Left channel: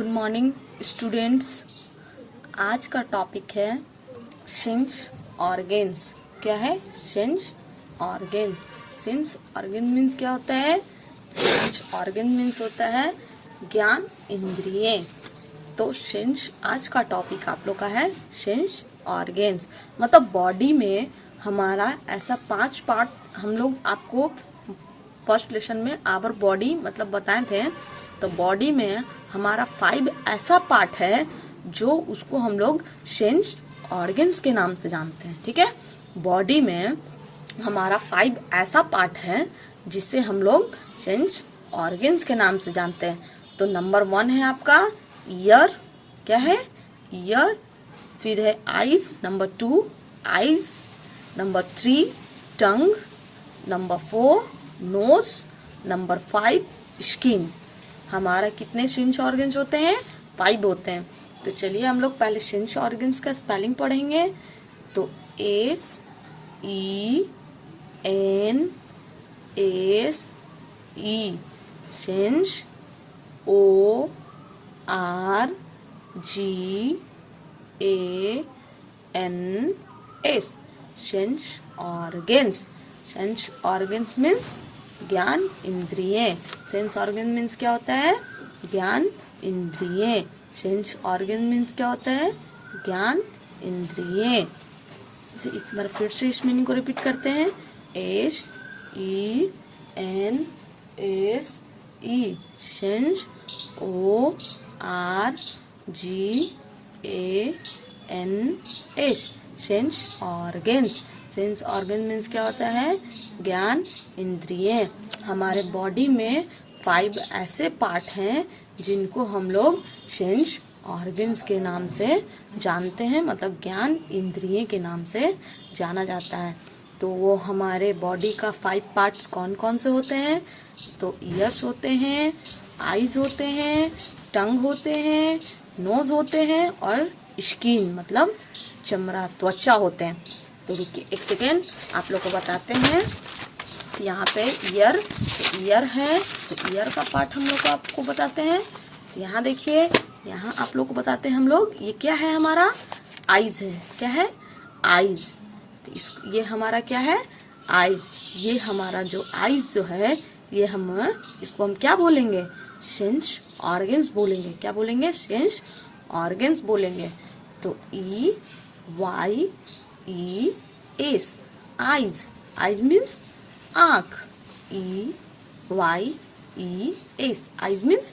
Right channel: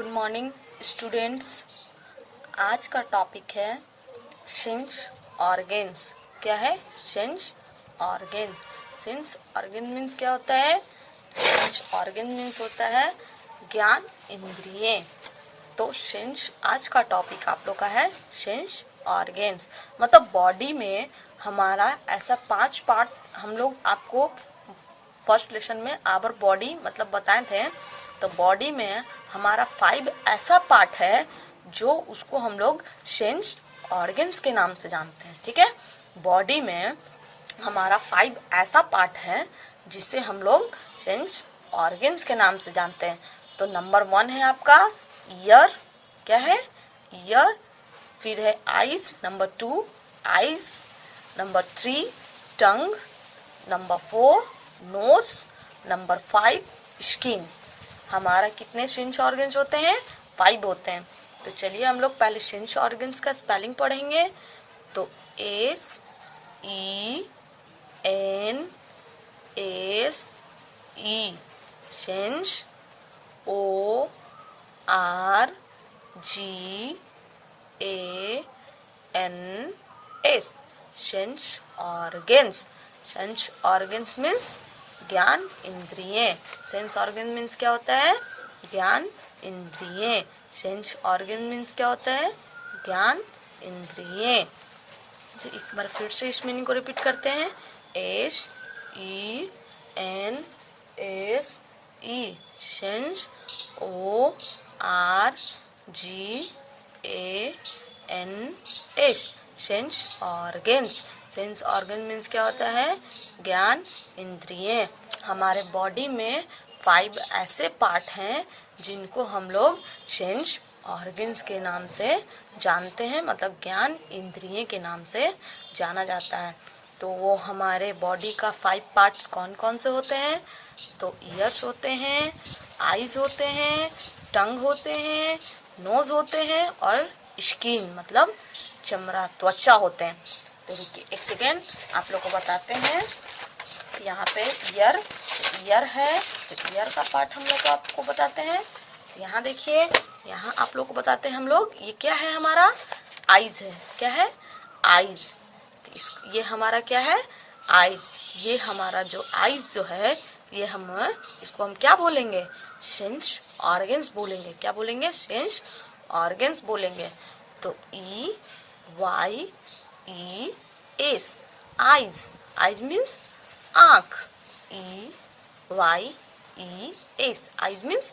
Good morning students. आज का topic है सेंस ऑर्गेन्स। क्या है? Sense organ. Sense organ means क्या होता है? सेंस ऑर्गेन मीन्स होता है ज्ञान इंद्रिय। तो सेंस आज का टॉपिक आप लोग का है सेंस ऑर्गेन्स। मतलब बॉडी में हमारा ऐसा 5 पार्ट हम लोग आपको फर्स्ट लेसन में आवर बॉडी मतलब बताए थे। तो बॉडी में हमारा 5 ऐसा पार्ट है जो उसको हम लोग सेंस ऑर्गेन्स के नाम से जानते हैं। ठीक है, बॉडी में हमारा 5 ऐसा पार्ट है जिसे हम लोग सेंस ऑर्गेन्स के नाम से जानते हैं। तो नंबर 1 है आपका ईयर। क्या है? ईयर। फिर है आईज, नंबर 2 आईज, नंबर 3 टंग, नंबर 4 नोज, नंबर 5 स्किन। हमारा कितने सेंस ऑर्गन्स होते हैं? 5 होते हैं। तो चलिए हम लोग पहले सेंस ऑर्गन्स का स्पेलिंग पढ़ेंगे। तो S E N S E sense, O R G A N S sense organs. Sense organs means ज्ञान इंद्रिय। सेंस ऑर्गन मीन्स क्या होता है? ज्ञान इंद्रिय। सेंस ऑर्गन मीन्स क्या होता है? ज्ञान इंद्रिय। तो एक बार फिर से इस मीनिंग को रिपीट करते हैं। S E N S E sense, O R G A N S sense organs. Sense organ means क्या होता है? ज्ञान इंद्रिय। हमारे बॉडी में 5 ऐसे पार्ट हैं जिनको हम लोग सेंस ऑर्गन्स के नाम से जानते हैं, मतलब ज्ञान इंद्रिय के नाम से जाना जाता है। तो वो हमारे बॉडी का 5 पार्ट्स कौन कौन से होते हैं? तो ईयर्स होते हैं, आईज होते हैं, टंग होते हैं, नोज होते हैं और स्किन मतलब चमड़ा, त्वचा होते हैं। तो रुकिए एक सेकेंड, आप लोग को बताते हैं। यहाँ पे ईयर है, तो ईयर का पार्ट हम लोग को आपको बताते हैं। तो यहाँ देखिए, यहाँ आप लोग को बताते हैं हम लोग। ये क्या है? हमारा आईज है। क्या है? आईज। तो ये हमारा क्या है? आईज। ये हमारा जो आईज जो है, ये इसको हम क्या बोलेंगे? सेंस ऑर्गन्स बोलेंगे। क्या बोलेंगे? सेंस ऑर्गन्स बोलेंगे। तो E Y E S eyes. Eyes means आँख। E Y E S eyes means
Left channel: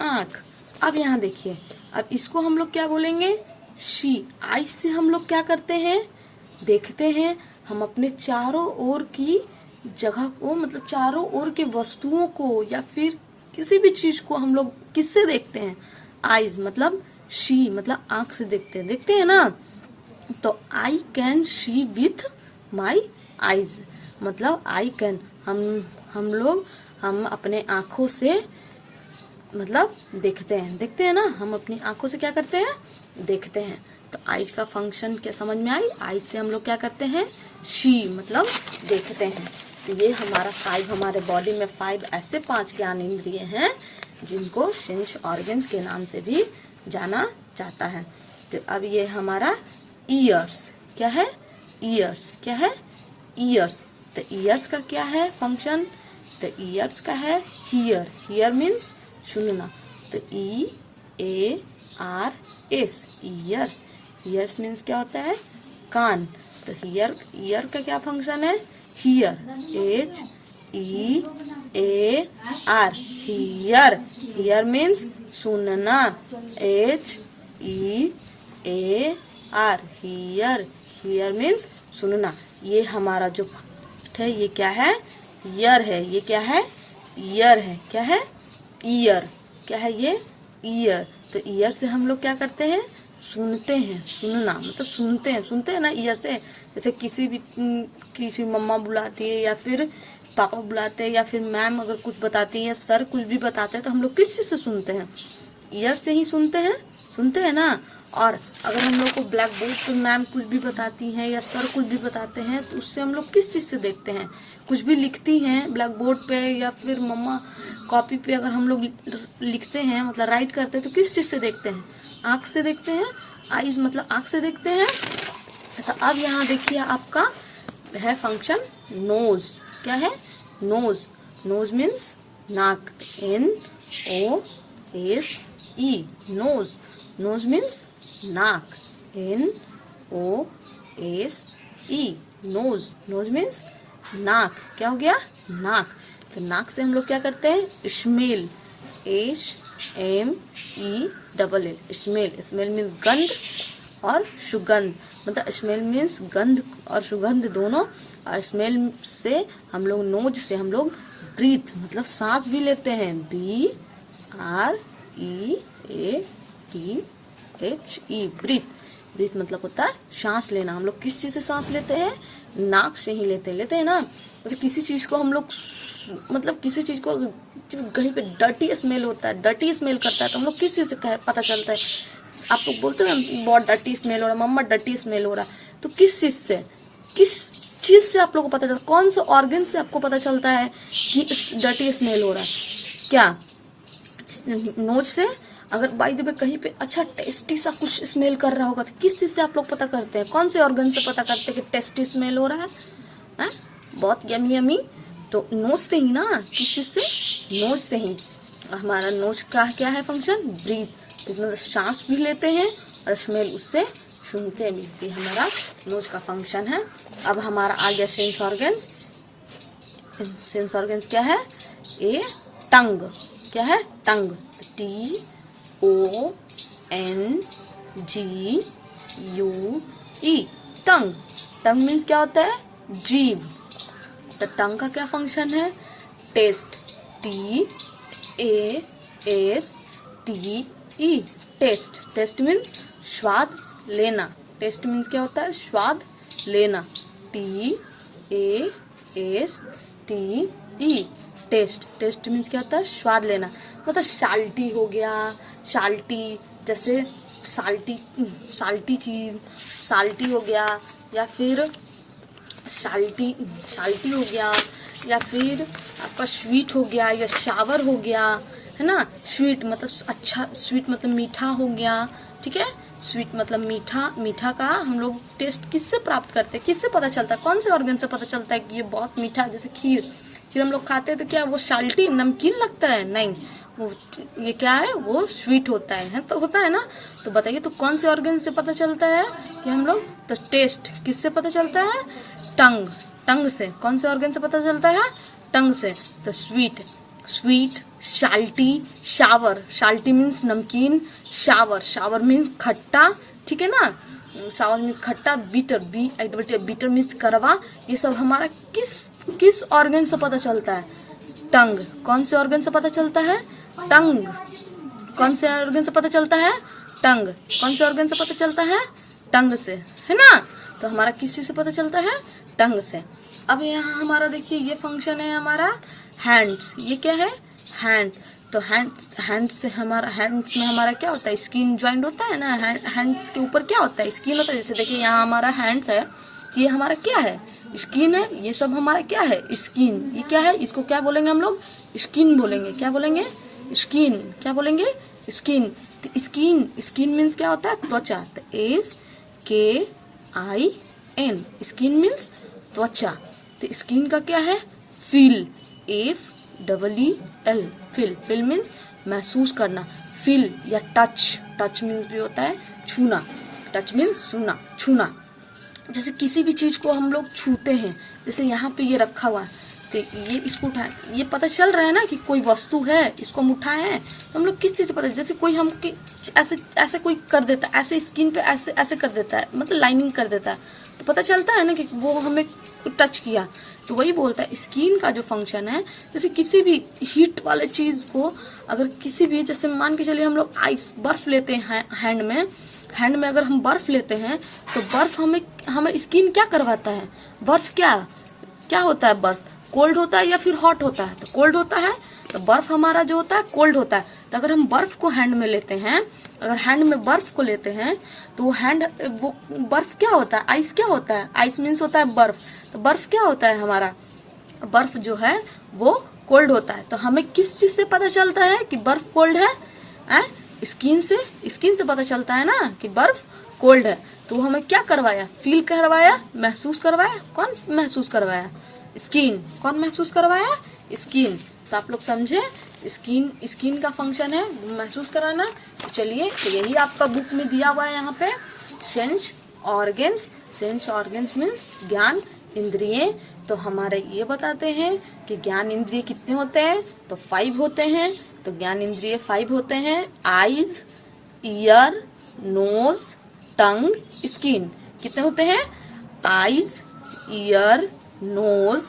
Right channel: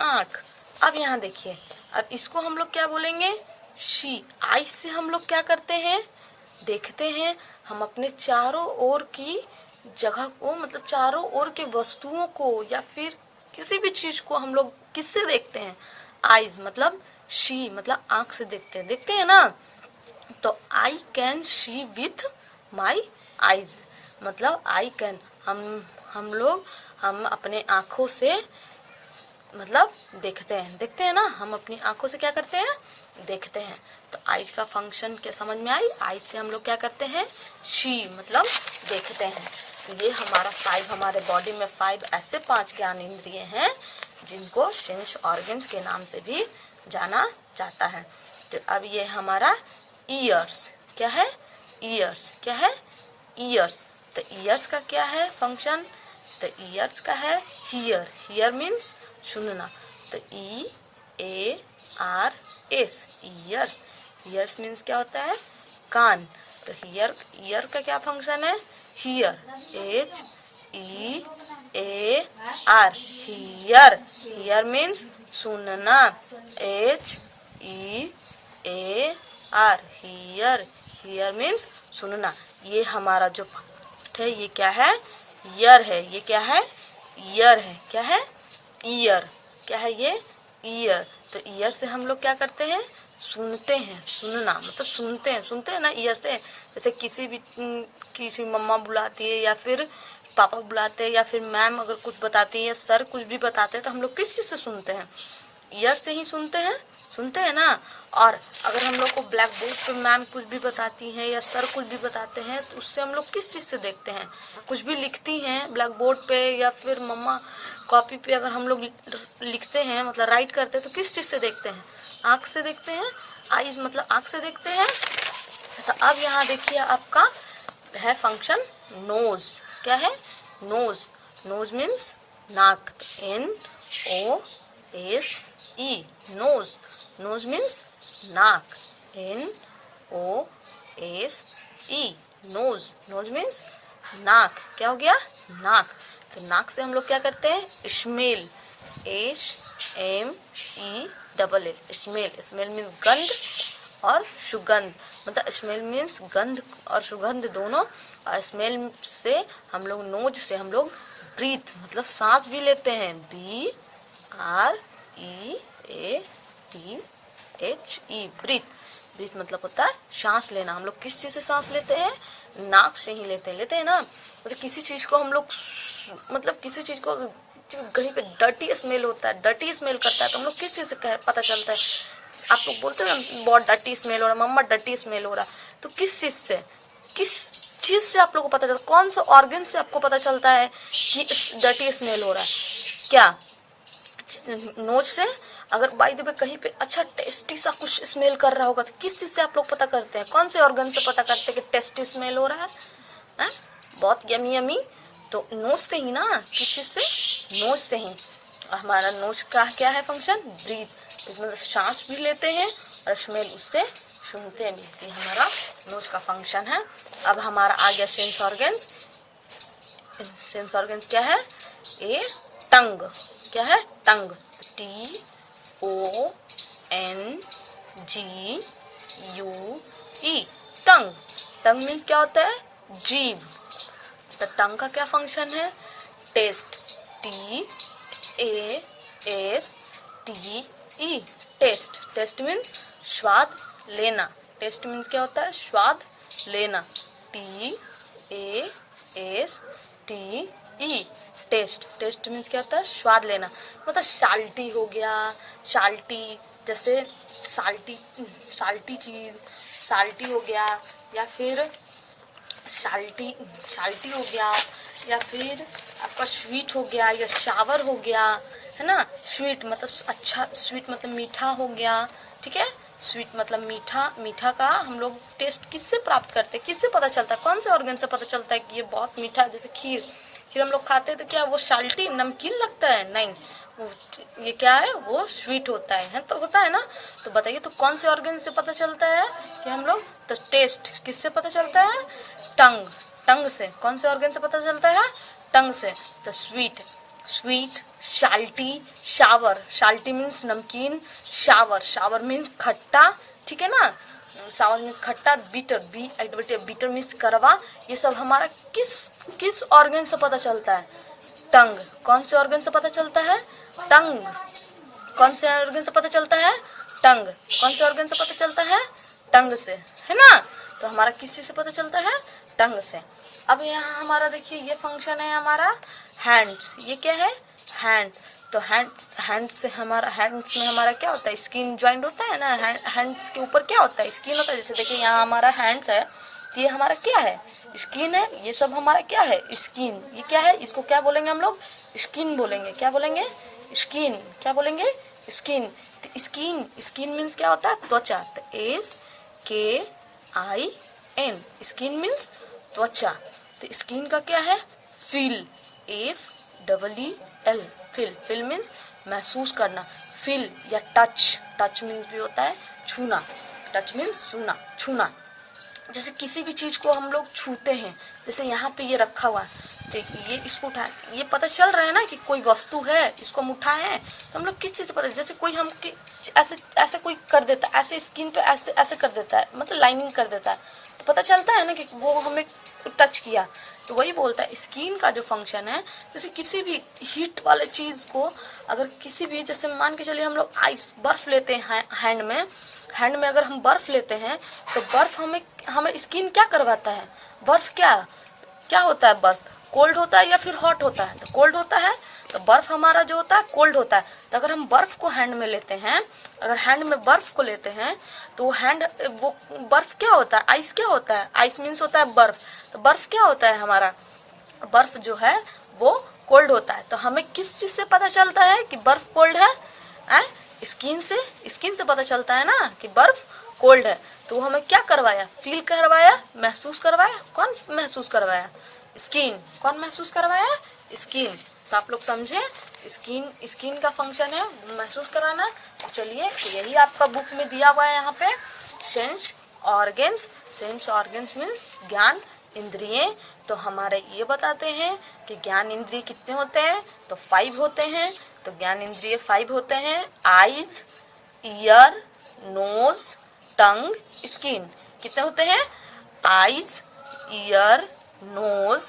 आँख। अब यहाँ देखिए, अब इसको हम लोग क्या बोलेंगे? शी। आईज से हम लोग क्या करते हैं? देखते हैं। हम अपने चारों ओर की जगह को, मतलब चारों ओर के वस्तुओं को या फिर किसी भी चीज को हम लोग किससे देखते हैं? आईज मतलब शी, मतलब आंख से देखते हैं ना। तो I can see with my eyes, मतलब आई कैन हम अपने आंखों से मतलब देखते हैं ना। हम अपनी आंखों से क्या करते हैं? देखते हैं। तो आईज का फंक्शन क्या समझ में आई? आईज से हम लोग क्या करते हैं? शी मतलब देखते हैं। तो ये हमारा 5, हमारे बॉडी में 5 ऐसे 5 ज्ञान इंद्रिय हैं जिनको सेंस ऑर्गन्स के नाम से भी जाना जाता है। तो अब ये हमारा ईयर्स। क्या है? ईयर्स। क्या है? ईयर्स। तो ईयर्स का क्या है फंक्शन? तो ईयर्स का है हियर। हियर मीन्स सुनना। तो E A R S years. Years means क्या होता है? कान। तो ईयर का क्या फंक्शन है? Here. H E A R here. Here means सुनना। H E A R here. Here means सुनना। ये हमारा जो है ये क्या है? ईयर है। ये क्या है? ईयर है। क्या है? ईयर। क्या है ये? ईयर। तो ईयर से हम लोग क्या करते हैं? सुनते हैं। सुनना मतलब सुनते हैं ना ईयर से। जैसे किसी मम्मा बुलाती है या फिर पापा बुलाते हैं या फिर मैम अगर कुछ बताती है या सर कुछ भी बताते हैं, तो हम लोग किस चीज से सुनते हैं? ईयर से ही सुनते हैं ना। और अगर हम लोग को ब्लैक बोर्ड पर मैम कुछ भी बताती हैं या सर कुछ भी बताते हैं तो उससे हम लोग किस चीज़ से देखते हैं, कुछ भी लिखती हैं ब्लैक बोर्ड पे या फिर मम्मा कॉपी पे अगर हम लोग लिखते हैं मतलब राइट करते हैं तो किस चीज़ से देखते हैं, आँख से देखते हैं, आईज मतलब आँख से देखते हैं। तो अब यहाँ देखिए आपका है फंक्शन नोज। क्या है? नोज। नोज मीन्स नाक, NOSE, नोज। नोज मीन्स नाक, NOSE, नोज। नोज मीन्स नाक। क्या हो गया? नाक। तो नाक से हम लोग क्या करते हैं? Smell, SMELL, smell. Smell means गंध और सुगंध, मतलब स्मेल मीन्स गंध और सुगंध दोनों। और स्मेल से हम लोग, नोज से हम लोग ब्रीथ मतलब सांस भी लेते हैं, BREATHE, ब्रीथ। ब्रीथ मतलब होता है सांस लेना। हम लोग किस चीज़ से सांस लेते हैं? नाक से ही लेते हैं ना। मतलब किसी चीज़ को हम लोग, मतलब किसी चीज़ को कहीं पे डर्टी स्मेल होता है, डर्टी स्मेल करता है तो हम लोग किस चीज़ से पता चलता है? आप लोग बोलते हैं बहुत डर्टी स्मेल हो रहा है, मम्मा डर्टी स्मेल हो रहा है, तो किस चीज़ से, किस चीज़ से आप लोग को पता चलता है? कौन सा ऑर्गन से आपको पता चलता है कि डर्टी स्मेल हो रहा है? क्या नोज से? अगर बाय द वे कहीं पे अच्छा टेस्टी सा कुछ स्मेल कर रहा होगा तो किस चीज़ से आप लोग पता करते हैं? कौन से ऑर्गन से पता करते हैं कि टेस्टी स्मेल हो रहा है? बहुत यमी यमी, तो नोज से ही ना। किस चीज़ से? नोज से ही। हमारा नोज का क्या है फंक्शन? ब्रीथ। मतलब सांस भी लेते हैं और स्मेल उससे सूंघते भी। ये हमारा नोज का फंक्शन है। अब हमारा आ गया सेंस ऑर्गन्स। सेंस ऑर्गन्स क्या है? ए टंग। क्या है? टंग। TONGUE, टंग। टंग मीन्स क्या होता है? जीभ। तो टंग का क्या फंक्शन है? Taste, TASTE, taste. Taste means स्वाद लेना। टेस्ट मीन्स क्या होता है? स्वाद लेना, TASTE, टेस्ट। टेस्ट मीन्स क्या होता है? स्वाद लेना। मतलब साल्टी हो गया, साल्टी जैसे साल्टी चीज़, साल्टी हो गया, या फिर साल्टी हो गया, या फिर आपका स्वीट हो गया, या शावर हो गया, है ना। स्वीट मतलब अच्छा, स्वीट मतलब मीठा हो गया, ठीक है। स्वीट मतलब मीठा। मीठा का हम लोग टेस्ट किससे प्राप्त करते हैं? किससे पता चलता है? कौन से ऑर्गन से पता चलता है कि ये बहुत मीठा? जैसे खीर हम लोग खाते हैं तो क्या वो साल्टी नमकीन लगता है? नहीं, वो ये क्या है? वो स्वीट होता है तो होता है ना। तो बताइए, तो कौन से ऑर्गन से पता चलता है कि हम लोग? तो टेस्ट किससे पता चलता है? टंग। टंग से। कौन से ऑर्गन से पता चलता है? टंग से। तो sweet, salty, shower. Salty means नमकीन, शावर मीन्स खट्टा, ठीक है ना। सावर मीन्स खट्टा, बीटर मीन्स करवा। ये सब हमारा किस ऑर्गन से पता चलता है? टंग। कौन से ऑर्गन से पता चलता है? टंग। कौन से ऑर्गन से पता चलता है? टंग। कौन से ऑर्गन से पता चलता है? टंग से, है ना। तो हमारा किस चीज से पता चलता है? टंग से। अब यहाँ हमारा देखिए ये फंक्शन है हमारा हैंड्स। ये क्या है? हैंड। तो हैंड्स से हमारा, हैंड्स में हमारा क्या होता है? स्किन ज्वाइंट होता है ना। हैंड्स के ऊपर क्या होता है? स्किन होता है। जैसे देखिए यहाँ हमारा हैंड्स है, ये हमारा क्या है? स्किन है। ये सब हमारा क्या है? स्किन। ये क्या है? इसको क्या बोलेंगे हम लोग? स्किन बोलेंगे। क्या बोलेंगे? स्किन। क्या बोलेंगे? स्किन। तो स्किन मीन्स क्या होता है? त्वचा। तो SKIN, स्किन मीन्स त्वचा। तो स्किन का क्या है? फील, FEEL, फील मीन्स महसूस करना। फील या टच मीन्स भी होता है छूना। टच मीन्स छूना। जैसे किसी भी चीज को हम लोग छूते हैं, जैसे यहाँ पे ये रखा हुआ है, तो ये इसको उठाए, ये पता चल रहा है ना कि कोई वस्तु है, इसको हम उठाए हैं। तो हम लोग किस चीज से पता? जैसे कोई हम ऐसे कोई कर देता है, ऐसे स्किन पे ऐसे कर देता है, मतलब लाइनिंग कर देता है, तो पता चलता है ना कि वो हमें टच किया। तो वही बोलता है स्किन का जो फंक्शन है, जैसे किसी भी हीट वाले चीज को, अगर किसी भी, जैसे मान के चलिए हम लोग आइस, बर्फ लेते हैं हैंड में अगर हम बर्फ लेते हैं तो बर्फ हमें स्किन क्या करवाता है? बर्फ क्या होता है? बर्फ कोल्ड होता है या फिर हॉट होता है? तो कोल्ड होता है। तो बर्फ हमारा जो होता है कोल्ड होता है। तो अगर हम बर्फ को हैंड में लेते हैं, अगर हैंड में बर्फ को लेते हैं तो वो बर्फ क्या होता है, आइस क्या होता है, आइस मीन्स होता है बर्फ। तो बर्फ क्या होता है हमारा, बर्फ जो है वो कोल्ड होता है। तो हमें किस चीज से पता चलता है कि बर्फ कोल्ड है? स्किन से पता चलता है ना कि बर्फ कोल्ड है। तो वो हमें क्या करवाया, फील करवाया, महसूस करवाया। कौन महसूस करवाया? स्किन। कौन महसूस करवाया? स्किन। तो आप लोग समझे, स्किन का फंक्शन है महसूस कराना। तो चलिए, यही आपका बुक में दिया हुआ है यहाँ पे, sense organs. Sense organs means ज्ञान इंद्रिय। तो हमारे ये बताते हैं कि ज्ञान इंद्रिय कितने होते हैं, तो 5 होते हैं। तो ज्ञान इंद्रिय 5 होते हैं, आईज, ईयर, नोज, टंग, स्किन। कितने होते हैं? आईज, ईयर, नोज,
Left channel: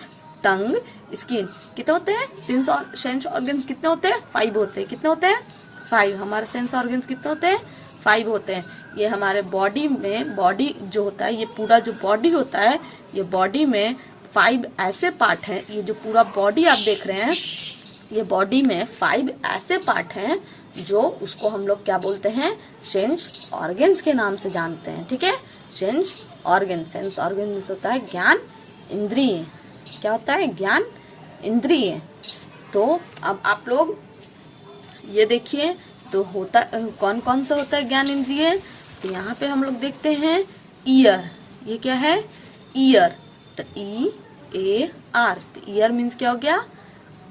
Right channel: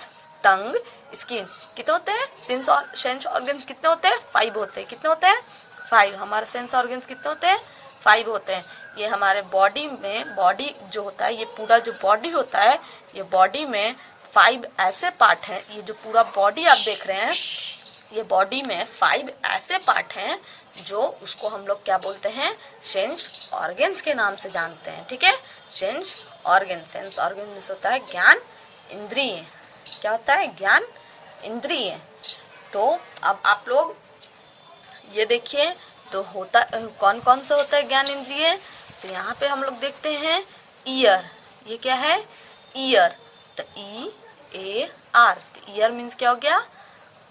टंग, स्किन। कितने होते हैं? सेंस ऑर्गन कितने होते हैं? 5 होते हैं। कितने होते हैं? 5। हमारे सेंस ऑर्गन्स कितने होते हैं? 5 होते हैं। ये हमारे बॉडी में, बॉडी जो होता है, ये पूरा जो बॉडी होता है, ये बॉडी में 5 ऐसे पार्ट हैं। ये जो पूरा बॉडी आप देख रहे हैं, ये बॉडी में 5 ऐसे पार्ट हैं जो उसको हम लोग क्या बोलते हैं, सेंस ऑर्गन्स के नाम से जानते हैं। ठीक है, सेंस ऑर्गन। सेंस ऑर्गन होता है ज्ञान इंद्रिय। क्या होता है? ज्ञान इंद्रिय। तो अब आप लोग ये देखिए, तो होता कौन कौन सा होता है ज्ञान इंद्रिय। तो यहाँ पे हम लोग देखते हैं ईयर। ये क्या है? ईयर। तो EAR। तो ईयर मीन्स क्या हो गया?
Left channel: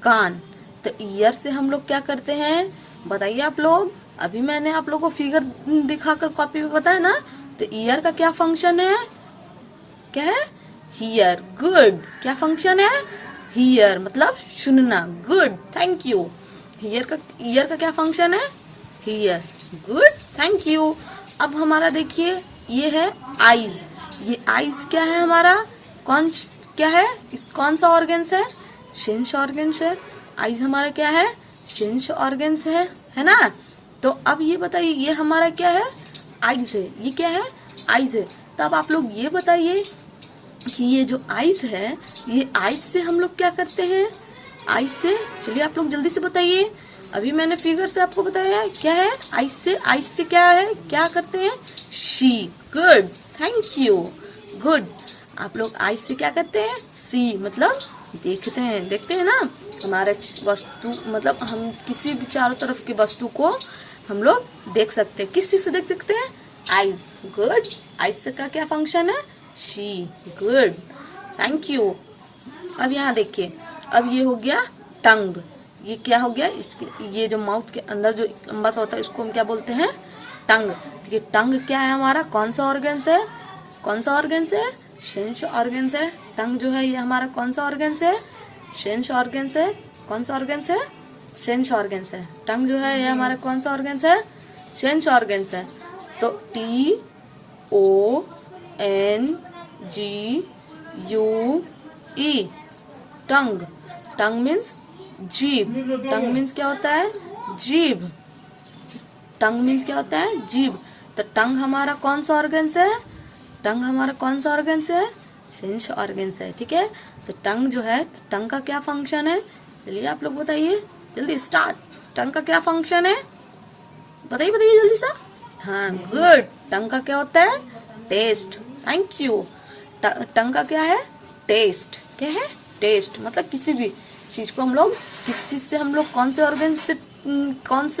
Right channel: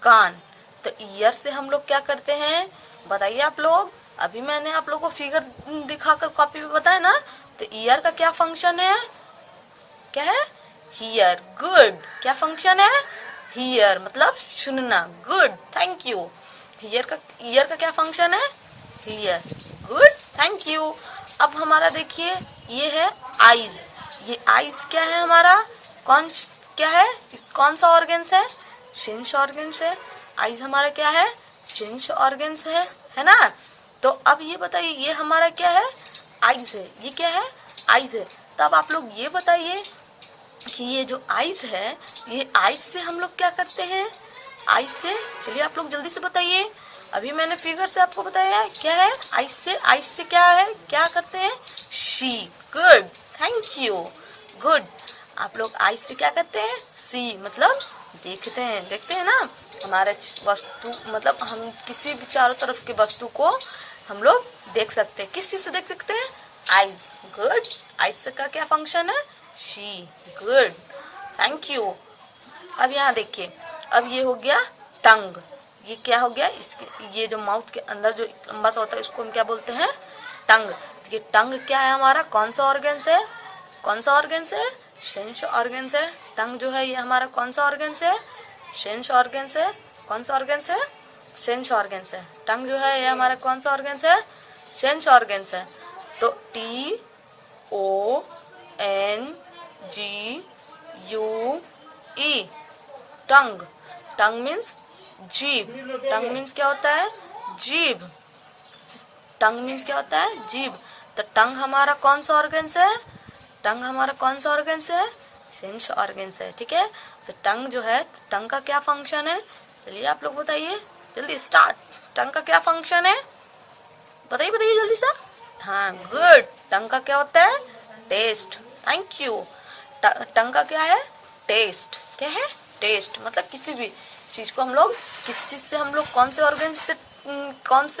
कान। तो ईयर से हम लोग क्या करते हैं, बताइए आप लोग। अभी मैंने आप लोगों को फिगर दिखाकर कॉपी पे बताया ना। तो ईयर का क्या फंक्शन है? क्या है? हियर। गुड। क्या फंक्शन है? हियर मतलब सुनना। Good, thank you. ईयर का क्या फंक्शन है? हियर। Good, thank you. अब हमारा देखिए, ये है आईज। ये आईज क्या है हमारा? क्या है? कौन सा ऑर्गन्स है? सेंस ऑर्गन्स है। आईज हमारा क्या है? सेंस ऑर्गन्स है ना। तो अब ये बताइए, ये हमारा क्या है? आईज है। ये क्या है? आईज है। तो अब आप लोग ये बताइए कि ये जो आईज है, ये आईज से हम लोग क्या करते हैं? आईज से, चलिए आप लोग जल्दी से बताइए। अभी मैंने फिगर से आपको बताया क्या है आईज से। आईज से क्या है, क्या करते हैं? C. Good, thank you. Good. आप लोग आईज से क्या करते हैं? सी मतलब देखते हैं ना। हमारे वस्तु मतलब हम किसी भी चारों तरफ की वस्तु को हम लोग देख सकते हैं। किस चीज से देख सकते हैं? आईज। गुड। आईज से का क्या फंक्शन है? सी। Good, thank you. अब यहाँ देखिए, अब ये हो गया टंग। ये क्या हो गया? ये जो माउथ के अंदर जो लंबा सा होता है, इसको हम क्या बोलते हैं? टंग। तो ये टंग क्या है हमारा? कौन सा ऑर्गन्स है? कौन सा ऑर्गन्स है? सेंस ऑर्गन्स है। टंग जो है ये हमारा कौन सा ऑर्गन्स है? सेंस ऑर्गन्स है। कौन सा ऑर्गन्स है? सेंस ऑर्गन्स है। टंग जो है ये हमारा कौन सा ऑर्गन्स है? सेंस ऑर्गन्स है। तो TONGUE, टंग। टंग मीन्स जीभ। टंग मीन्स क्या होता है? जीभ। टंग मीन्स क्या होता है? जीभ। तो टंग हमारा कौन सा ऑर्गन्स है? टंग हमारा कौन सा ऑर्गन्स है? सेंस ऑर्गन्स है। ठीक है, तो टंग जो है, टंग का क्या फंक्शन है? चलिए आप लोग बताइए, जल्दी स्टार्ट। टंग का क्या फंक्शन है? बताइए जल्दी सा। हाँ, गुड। टंग का क्या होता है? टेस्ट। Thank you. टंग का क्या है? टेस्ट। क्या है? टेस्ट मतलब किसी भी चीज को हम लोग, किस चीज से हम लोग, कौन से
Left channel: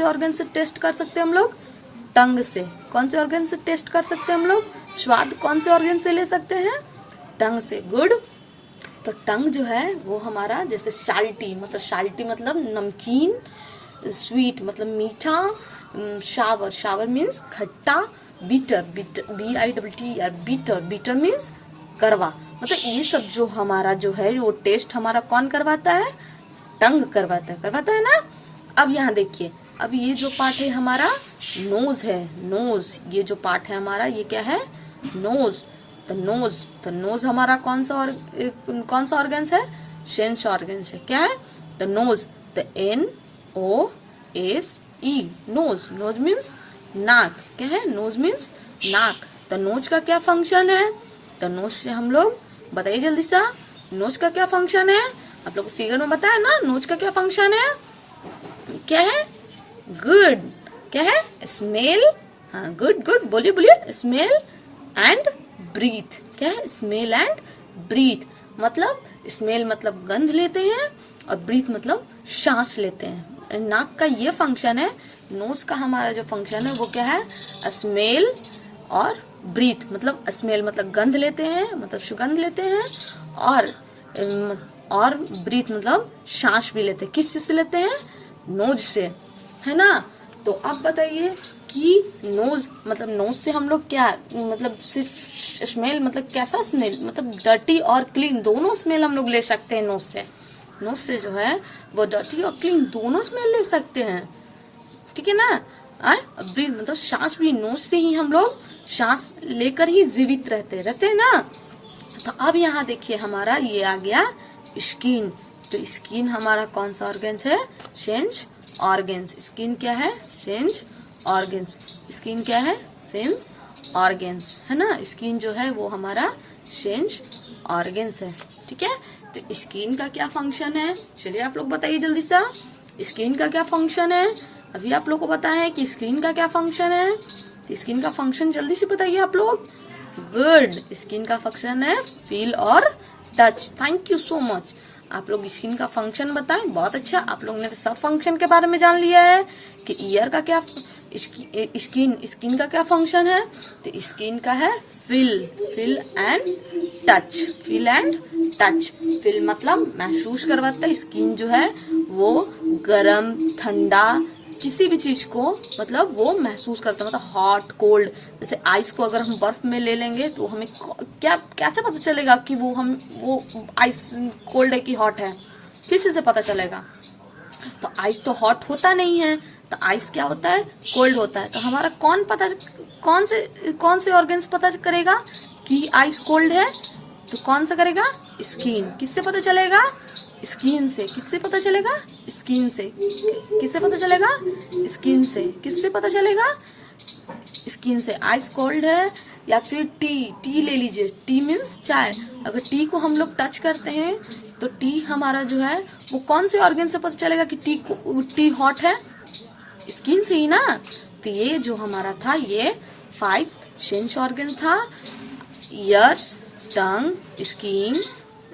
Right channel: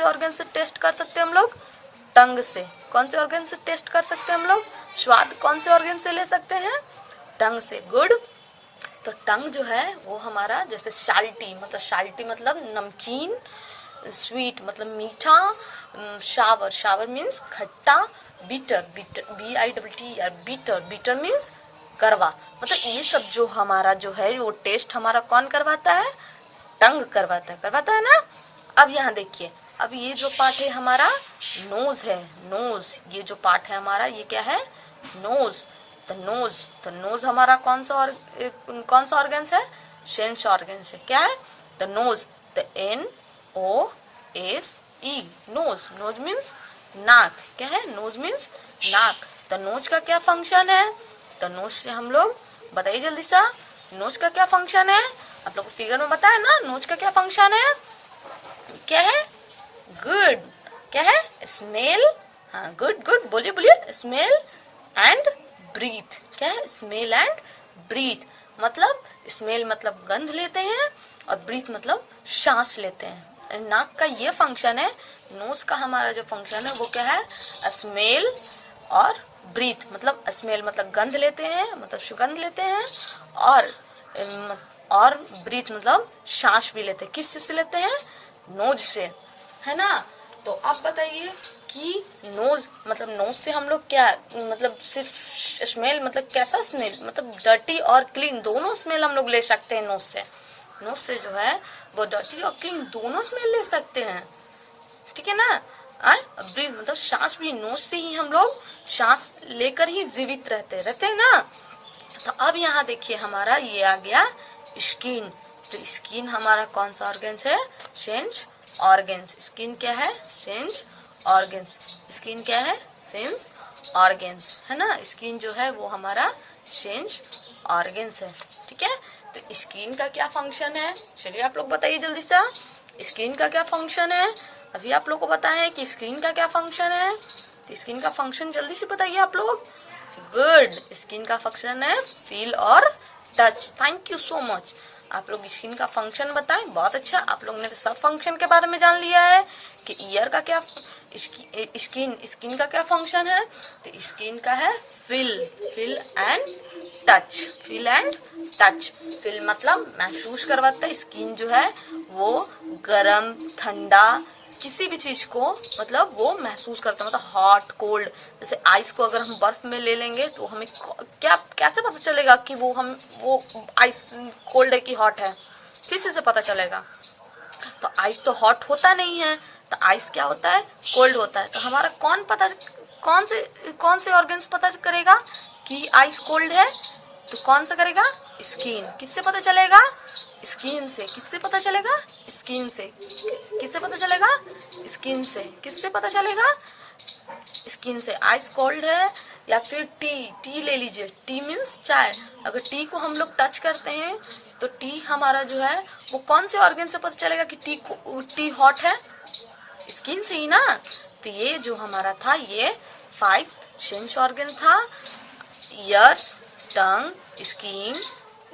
ऑर्गन से टेस्ट कर सकते हैं हम लोग? टंग से। कौन से ऑर्गन से टेस्ट कर सकते हैं हम लोग? स्वाद कौन से ऑर्गन से ले सकते हैं? टंग से। गुड। तो टंग जो है वो हमारा, जैसे साल्टी मतलब नमकीन, स्वीट मतलब मीठा, शावर मीन्स खट्टा, बीटर BITTER बीटर मीन्स करवा। मतलब ये सब जो हमारा जो है वो टेस्ट हमारा कौन करवाता है? टंग करवाता है ना। अब यहाँ देखिए, अब ये जो पार्ट है हमारा नोज है। नोज, ये जो पार्ट है हमारा, ये क्या है? नोज। तो नोज हमारा कौन सा ऑर्गन्स है? सेंस ऑर्गन्स है। क्या है? तो नोज। तो NOSE, नोज मीन्स नाक। क्या है? नोज मीन्स नाक। तो नोज का क्या फंक्शन है? तो नोज से हम लोग, बताइए जल्दी सा, नोज का क्या फंक्शन है? आप लोग को फिगर में बताया ना, नोज का क्या फंक्शन है? क्या है? गुड। क्या है? स्मेल। हाँ, गुड गुड, बोलिए बोलिए। Smell and breath. क्या है? Smell and breath. मतलब स्मेल मतलब गंध लेते हैं और ब्रीथ मतलब सांस लेते हैं। नाक का ये फंक्शन है। नोज का हमारा जो फंक्शन है वो क्या है? स्मेल और ब्रीथ। मतलब स्मेल मतलब गंध लेते हैं, मतलब सुगंध लेते हैं, और ब्रीथ मतलब सांस भी लेते हैं। किस चीज से लेते हैं? नोज से, है ना। तो आप बताइए कि नोज मतलब नोज से हम लोग क्या मतलब सिर्फ स्मेल मतलब कैसा स्मेल मतलब डर्टी और क्लीन दोनों स्मेल हम लोग ले सकते हैं नोज से। नोज से जो है वो डर्टी और क्लीन दोनों स्मेल ले सकते हैं, ठीक है ना। ब्रीथ मतलब सांस भी नोज से ही हम लोग सांस लेकर ही जीवित रहते हैं ना। तो अब यहाँ देखिए हमारा ये आ गया स्किन। तो स्किन हमारा कौन सा ऑर्गन्स है? Sense organs. स्किन क्या है? Sense organs. स्किन क्या है? सेंस ऑर्गन्स, है ना। स्किन जो है वो हमारा सेंस ऑर्गन्स है, ठीक है। तो स्किन का क्या फंक्शन है? चलिए आप लोग बताइए जल्दी से। स्किन का क्या फंक्शन है? अभी आप लोग को पता है कि स्किन का क्या फंक्शन है। तो स्किन का फंक्शन जल्दी से बताइए आप लोग। गुड। स्किन का फंक्शन है फील और touch. Thank you so much. आप लोग स्किन का फंक्शन बताएं, बहुत अच्छा। आप लोग ने तो सब फंक्शन के बारे में जान लिया है कि ईयर का क्या, स्किन का क्या फंक्शन है। तो स्किन का है feel and touch. Feel and touch. Feel मतलब महसूस करवाता है। स्किन जो है वो गरम ठंडा किसी भी चीज को मतलब वो महसूस करता है, मतलब हॉट कोल्ड। जैसे आइस को अगर हम बर्फ में ले लेंगे तो हमें क्या कैसे पता चलेगा कि वो आइस कोल्ड है कि हॉट है? किसी से पता चलेगा? तो आइस तो हॉट होता नहीं है, तो आइस क्या होता है? कोल्ड होता है। तो हमारा कौन से ऑर्गन्स पता करेगा कि आइस कोल्ड है? तो कौन सा करेगा? स्किन। किससे पता चलेगा? स्किन से। किससे पता चलेगा? स्किन से। किससे पता चलेगा? स्किन से। किससे पता चलेगा? स्किन से। आइस कोल्ड है या फिर टी ले लीजिए। टी मीन्स चाय। अगर टी को हम लोग टच करते हैं तो टी हमारा जो है वो कौन से ऑर्गन से पता चलेगा कि टी हॉट है? स्किन से ही ना। तो ये जो हमारा था ये 5 सेंस ऑर्गन था। ईयर्स, टंग, स्किन,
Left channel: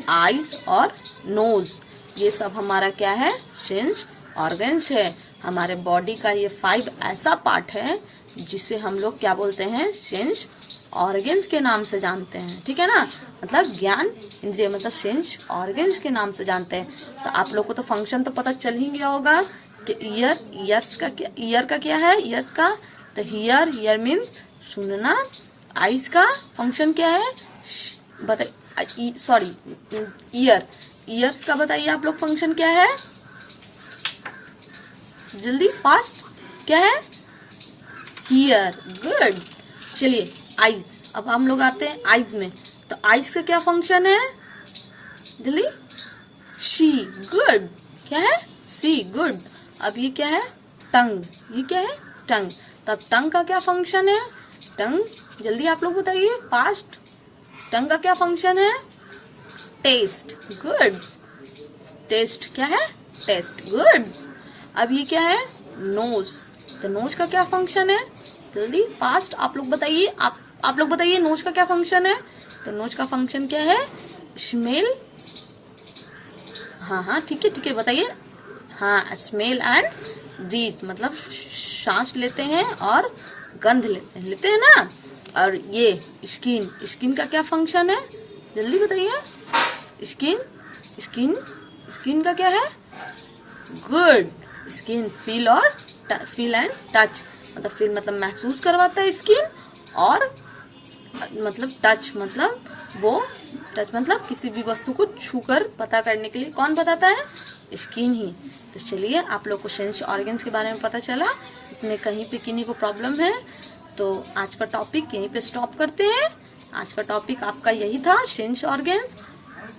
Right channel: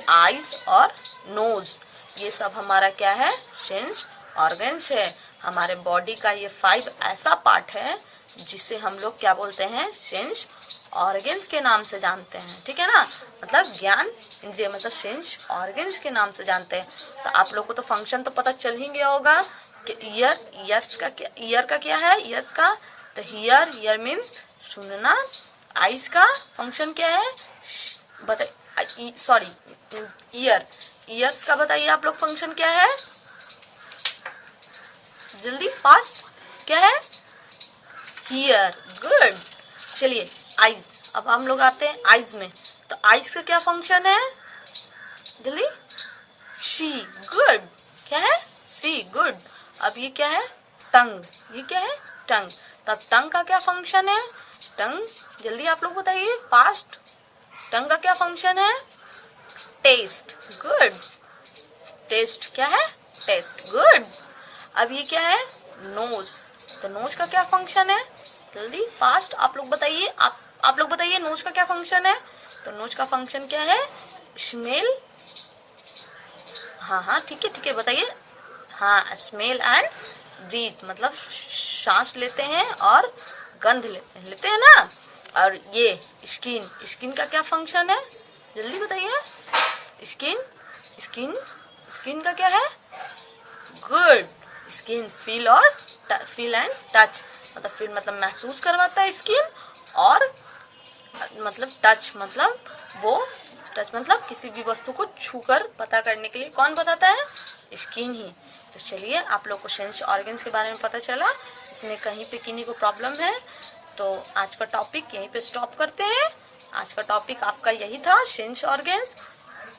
आइज और नोज। ये सब हमारा क्या है? सेंस ऑर्गन्स है। हमारे बॉडी का ये 5 ऐसा पार्ट है जिसे हम लोग क्या बोलते हैं? सेंस ऑर्गन्स के नाम से जानते हैं, ठीक है ना। मतलब ज्ञान इंद्रिय मतलब सेंस ऑर्गन्स के नाम से जानते हैं। तो आप लोग को तो फंक्शन तो पता चल ही गया होगा कि ईयर का क्या है? ईयर्स का तो हियर मीन्स सुनना। आइज का फंक्शन क्या है? बताइए, सॉरी ईयर्स का बताइए आप लोग फंक्शन क्या है? जल्दी फास्ट। क्या है? हियर। गुड। चलिए आइज। अब हम लोग आते हैं आइज में। तो आइज का क्या फंक्शन है? जल्दी। सी। गुड। क्या है? सी। गुड। अब ये क्या है? टंग। ये क्या है? टंग। तब टंग का क्या फंक्शन है? टंग जल्दी आप लोग बताइए फास्ट। टंग का क्या फंक्शन है? टेस्ट। गुड। टेस्ट क्या है? टेस्ट। गुड। अब ये क्या है? नोज। तो नोज का क्या फंक्शन है? जल्दी फास्ट आप लोग बताइए। आप लोग बताइए नोज का क्या फंक्शन है? तो नोज का फंक्शन क्या है? स्मेल। हाँ ठीक है बताइए। हाँ, स्मेल एंड ब्रीथ मतलब सांस लेते हैं और गंध लेते हैं ना। और ये स्किन का क्या फंक्शन है? जल्दी बताइए। स्किन का क्या है? Good. Skin feel and touch मतलब फील मतलब महसूस करवाता है स्किन, और मतलब टच मतलब किसी भी वस्तु को छूकर पता करने के लिए कौन बताता है? स्किन ही। तो चलिए आप लोग को सेंस ऑर्गन्स के बारे में पता चला। इसमें कहीं पे किन्हीं को प्रॉब्लम है तो आज का टॉपिक यहीं पे स्टॉप करते हैं। आज का टॉपिक आपका यही था, सेंस ऑर्गन्स।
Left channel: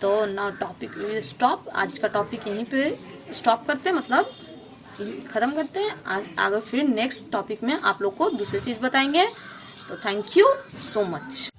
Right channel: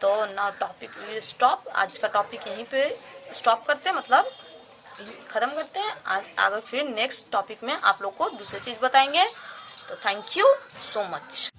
तो नाउ टॉपिक स्टॉप। आज का टॉपिक यहीं पे स्टॉप करते हैं, मतलब खत्म करते हैं। आगे फिर नेक्स्ट टॉपिक में आप लोग को दूसरी चीज बताएंगे। तो थैंक यू सो मच।